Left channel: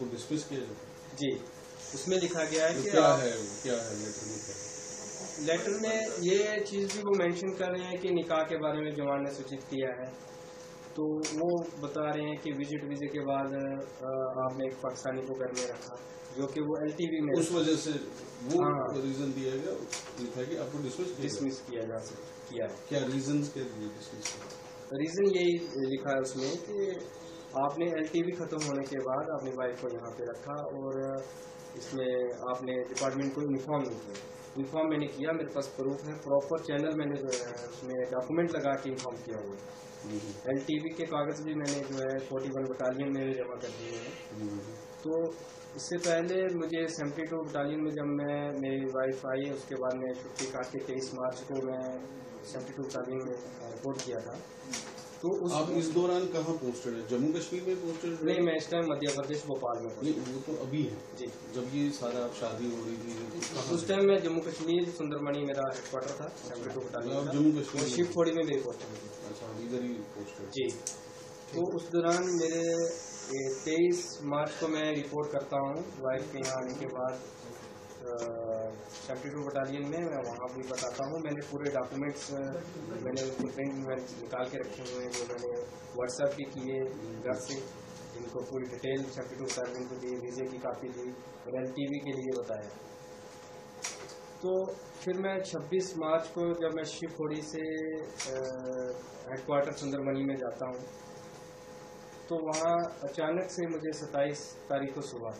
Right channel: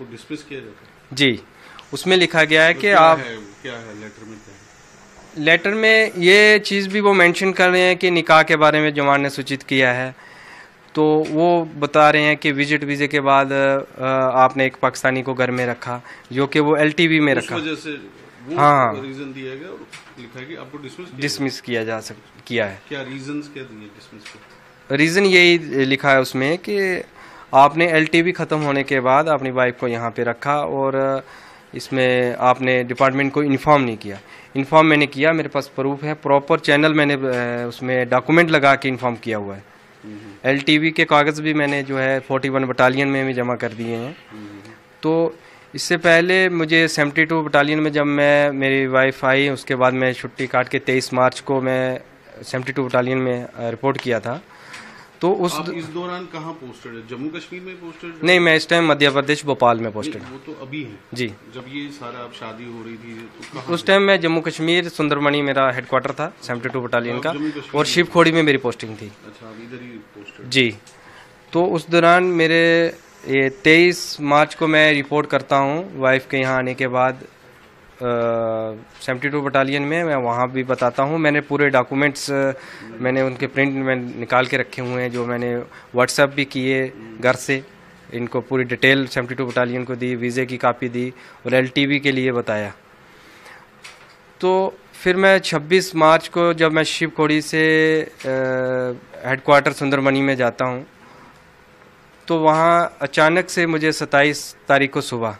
आपको डिसमिस किया जाता है? जी, उसमें लिखा गया है तो कि क्या आप है लेटर में क्या है? लेटर में ये चीज़ भी वो मेंशन कर रहे हैं कि निकाह के बारे में जमान ने सूचित किया है। तो वो बता रहे हैं कि विजिट वीज़े के बाद आपने एक पाकिस्तानी को घर में रखा, जो कि वो एलटीवी में उस रखा। वजह से वो हाँ, रीजन दिया गया, लिखा है कि आपको डिसमिस किया है। क्या रीजंस क्या दिए डिसमिस के? रीज़न यही लिखा है उसमें कि आपने एलटीवी ख़त्म होने के बाद अपनी वाइफ को यहाँ पे रखा और इसमें आपने डिपार्टमेंट को इन्फॉर्म नहीं किया। इन्फॉर्म मैंने किया, मेरे पास प्रूफ है, प्रॉपर चैनल मैंने उसमें डॉक्यूमेंट लगा के इन्फॉर्म किया हुआ है। एलटीवी के कागज़ भी मैंने जो है 41 बटालियन में भी जमा कर दिए हैं। तो इससे पहले मुझे 72 बटालियन में जब मेरी वाइफ आई, उसके बाद मैं छुट्टी काट के 23 मार्च को मैं 72 बटालियन में रिपोर्ट किया था। तो आप इस दौरान कहाँ पोस्टेड है? जम्मू कश्मीर में पोस्टेड? नहीं, मैं इस टाइम मध्य प्रदेश भोपाल में पोस्टेड। वो तो अभी है जी, जब ये सारा आप शादी हो रही थी तो कहाँ? उस टाइम मैं जम्मू कश्मीर सुंदरमणि मेरा हेडक्वार्टर था 72 बटालियन का, और शिवखोड़ी में मेरी पोस्टिंग थी। अच्छा, आप इधर ही पोस्टेड? जी, तो उस दौरान मेरे ये 23 मार्च को मैं रिपोर्ट करता हूँ वाइफ के यहाँ आने के बाद 72 बटालियन में। मैं वहाँ भी बताता हूँ, मैंने पूरे डॉक्यूमेंट्स मैंने उनके प्रिंट में निकाल के रखे हुए हैं, जो मैंने व्हाट्सएप भी किए घर से, इनको पूरी डिटेल 72 बटालियन को दी, वीज़े की कापी दी और एलटीवी के लिए बताया। तो फिर मैं 26 मार्च को जब मैं शिवखोड़ी से हेडक्वार्टर सुंदरमणि में जाता हूँ, तो वहाँ अचानक से मुझे 27 तारीख को सुबह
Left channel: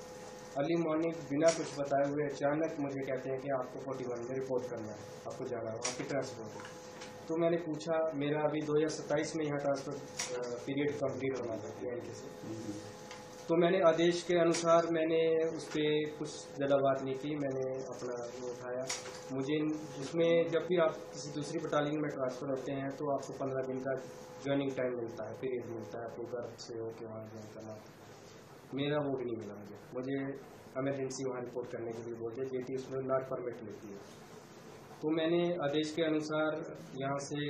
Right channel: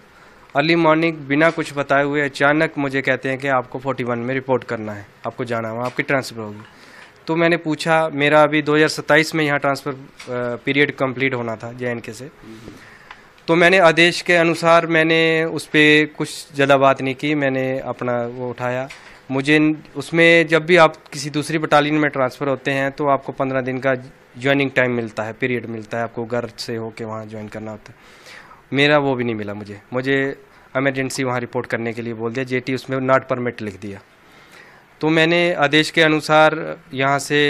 अर्ली मॉर्निंग बिना कुछ बताए हुए अचानक मुझे कहते हैं कि आपको 41 में रिपोर्ट करना है, आपको जाना है, वहाँ आपकी ट्रांसफ़र होगी। तो मैंने पूछा, मेरा अभी 2027 में यहाँ ट्रांसफ़र पीरियड कंप्लीट होना था JNK से, तो मैंने आदेश के अनुसार मैंने उस पर कुछ ज़्यादा बात नहीं की, मैंने अपना वो उठाया। मुझे उसमें जब भी आप किसी दूसरी बटालियन में ट्रांसफ़र होते हैं तो आपको 15 दिन का ज्वाइनिंग टाइम मिलता है, पीरियड मिलता है, आपको घर से होके वहाँ ज्वाइन करना होता है। मेरा वो भी नहीं मिला, मुझे एमरजेंसी वहाँ रिपोर्ट करने के लिए बोल दिया, JT उसमें नॉट परमिट लिख दिया। तो मैंने आदेश के अनुसार यहाँ से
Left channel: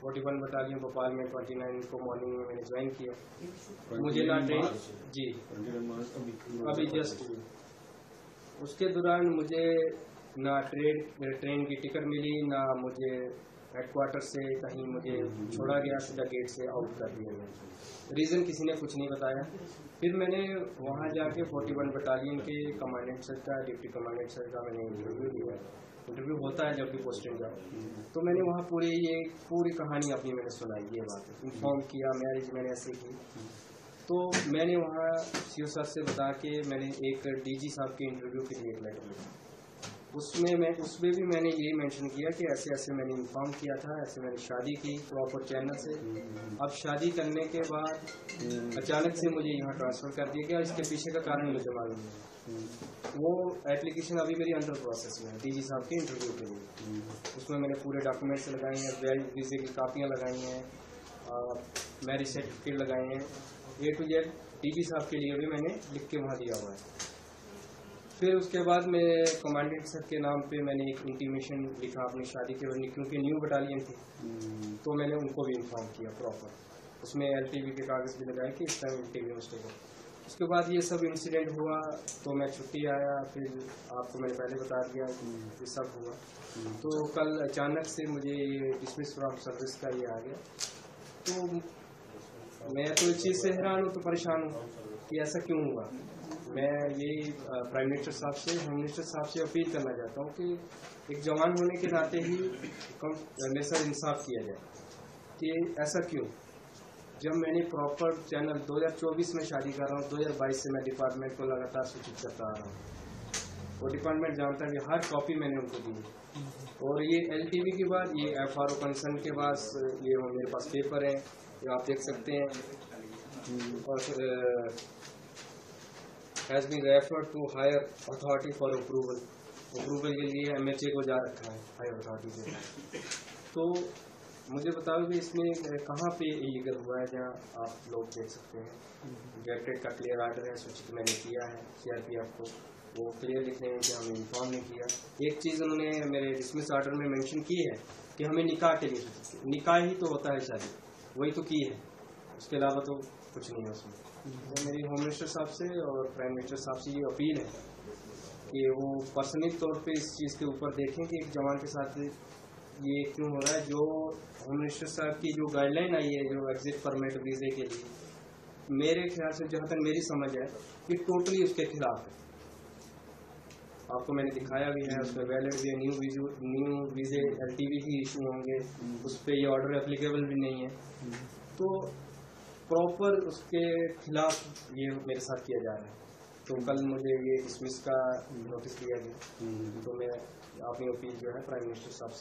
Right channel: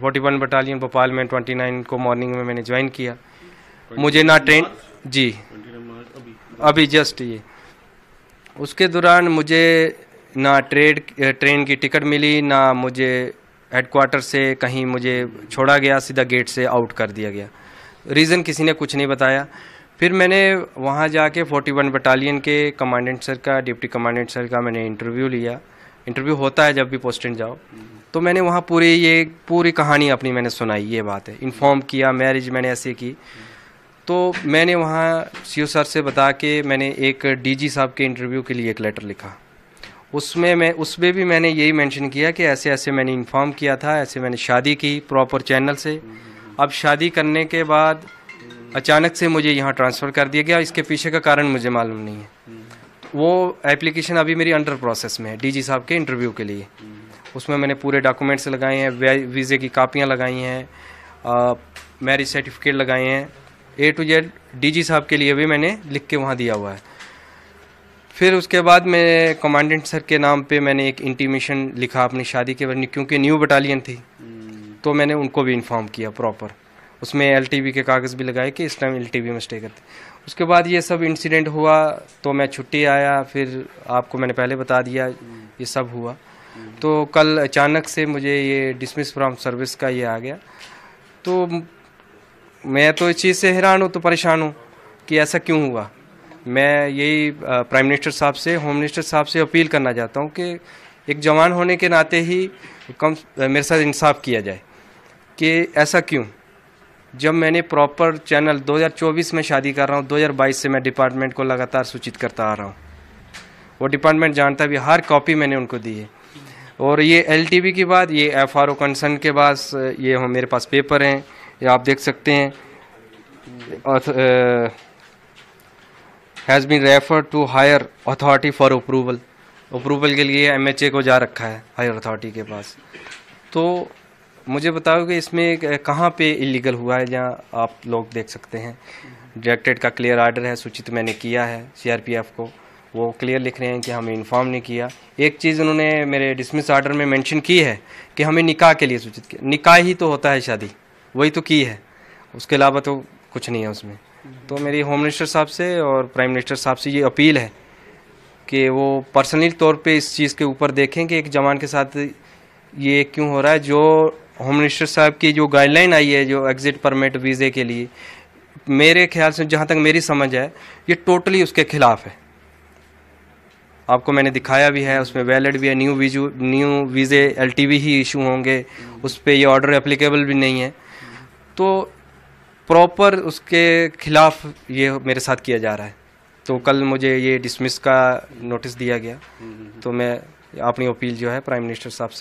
41 बटालियन भोपाल में 29 को मॉर्निंग में मैंने ज्वाइन किया। मुझे ना ट्रेन, जी अभी जस्ट ये, उसके दौरान मुझे ना ट्रेन की टिकट मिली, ना मुझे हेडक्वार्टर से कहीं मुझे छोड़ा गया, सीधा गेट से आउट कर दिया गया। रीज़न किसी ने कुछ नहीं बताया। फिर मैंने वहाँ जाके 41 बटालियन के कमांडेंट सर का, डिप्टी कमांडेंट सर का मैंने इंटरव्यू लिया। इंटरव्यू होता है जब भी पोस्टिंग जाओ, तो मैंने वहाँ पूरी कहानी अपनी मैंने सुनाई, ये बात है, इन्फॉर्म किया, मैरिज मैंने ऐसे की। तो मैंने वहाँ CO सर से बता के मैंने एक DG साहब के इंटरव्यू के लिए एक लेटर लिखा। उसमें भी मैंने यही मेंशन किया कि ऐसे ऐसे मैंने इन्फॉर्म किया था, ऐसे मैंने शादी की प्रॉपर चैनल से। अब शादी करने के बाद अचानक से मुझे यहाँ ट्रांसफ़र कर दिया गया, इसके पीछे का कारण मुझे मालूम नहीं है। वो एप्लीकेशन अभी मेरी अंडर प्रोसेस में है DG साहब के इंटरव्यू के लिए। उसमें मैंने पूरे डॉक्यूमेंट्स लगाए हैं, वीज़े की कापियाँ लगाई हैं, मैरिज सर्टिफिकेट लगाए हैं, A to Z DG साहब के लिए भी मैंने लिख के वहाँ दिया हुआ है। फिर उसके बाद मैं कमांडेंट सर के नाम पे मैंने एक इंटीमेशन लिखा अपनी शादी के बारे में, क्योंकि न्यू बटालियन थी, तो मैंने उनको भी इन्फॉर्म किया प्रॉपर। उसमें LTV के कागज़ भी लगाए कि इस टाइम LTV में स्टे करते। उसके बाद ये सब इंसिडेंट हुआ तो मैं छुट्टी आया, फिर आपको मैंने पहले बता दिया ये सब हुआ। तो कल अचानक से मुझे ये डिसमिस फ्रॉम सर्विस का ये आ गया। तो मैं तो इस चीज़ से हैरान हूँ, तो परेशान हूँ कि ऐसा क्यों हुआ। मैं यही प्राइम मिनिस्टर साहब से, होम मिनिस्टर साहब से अपील करना चाहता हूँ कि एक जवान होने के नाते ही मेरे साथ इंसाफ किया जाए कि ऐसा क्यों। जब मैंने प्रॉपर चैनल 2024 में शादी कर रहा हूँ, 2022 से मैं डिपार्टमेंट को लगातार सूचित करता आ रहा हूँ, वो डिपार्टमेंट जानता भी, हर कॉपी मैंने उनको दी है। और ये LTV की बात, ये FRO कंसर्न के पास, ये मेरे पास पेपर हैं, ये आप देख सकते हैं, has been refer to higher authority for approval के लिए MHA को जा रखा है हायर अथॉरिटी के पास। तो मुझे बताओ कि इसमें कहाँ पे इलीगल हुआ है, जहाँ आप लोग देख सकते हैं डायरेक्टरेट का क्लियर आर्डर है, सूचित मैंने किया है CRPF को, वो क्लियर लिख रहे हैं कि हमें इन्फॉर्म नहीं किया। एक चीज़ उन्होंने मेरे डिसमिस आर्डर में मेंशन की है कि हमें निकाह के लिए सूचित किया। निकाह ही तो होता है शादी, वही तो की है, उसके अलावा तो कुछ नहीं है उसमें। तो मेरी होम मिनिस्टर साहब से और प्राइम मिनिस्टर साहब से ये अपील है कि वो पर्सनली तौर पे इस चीज़ के ऊपर देखें कि एक जवान के साथ ये क्यों हो रहा है। जो होम मिनिस्टर साहब की जो गाइडलाइन आई है जो एग्ज़िट परमिट वीज़े के लिए, मेरे ख्याल से जहाँ तक मेरी समझ है ये टोटली उसके खिलाफ है। आपको मैंने दिखाया भी है, उसमें वैलिड भी है, न्यू वीज़े LTV ही इशू होंगे, उस पर ये ऑर्डर एप्लीकेबल भी नहीं है। तो प्रॉपर उसके खिलाफ ये मेरे साथ किया जा रहा है। तो कल मुझे ये डिसमिस का नोटिस दिया गया, तो मैं अपनी अपील जो है प्राइम मिनिस्टर साहब से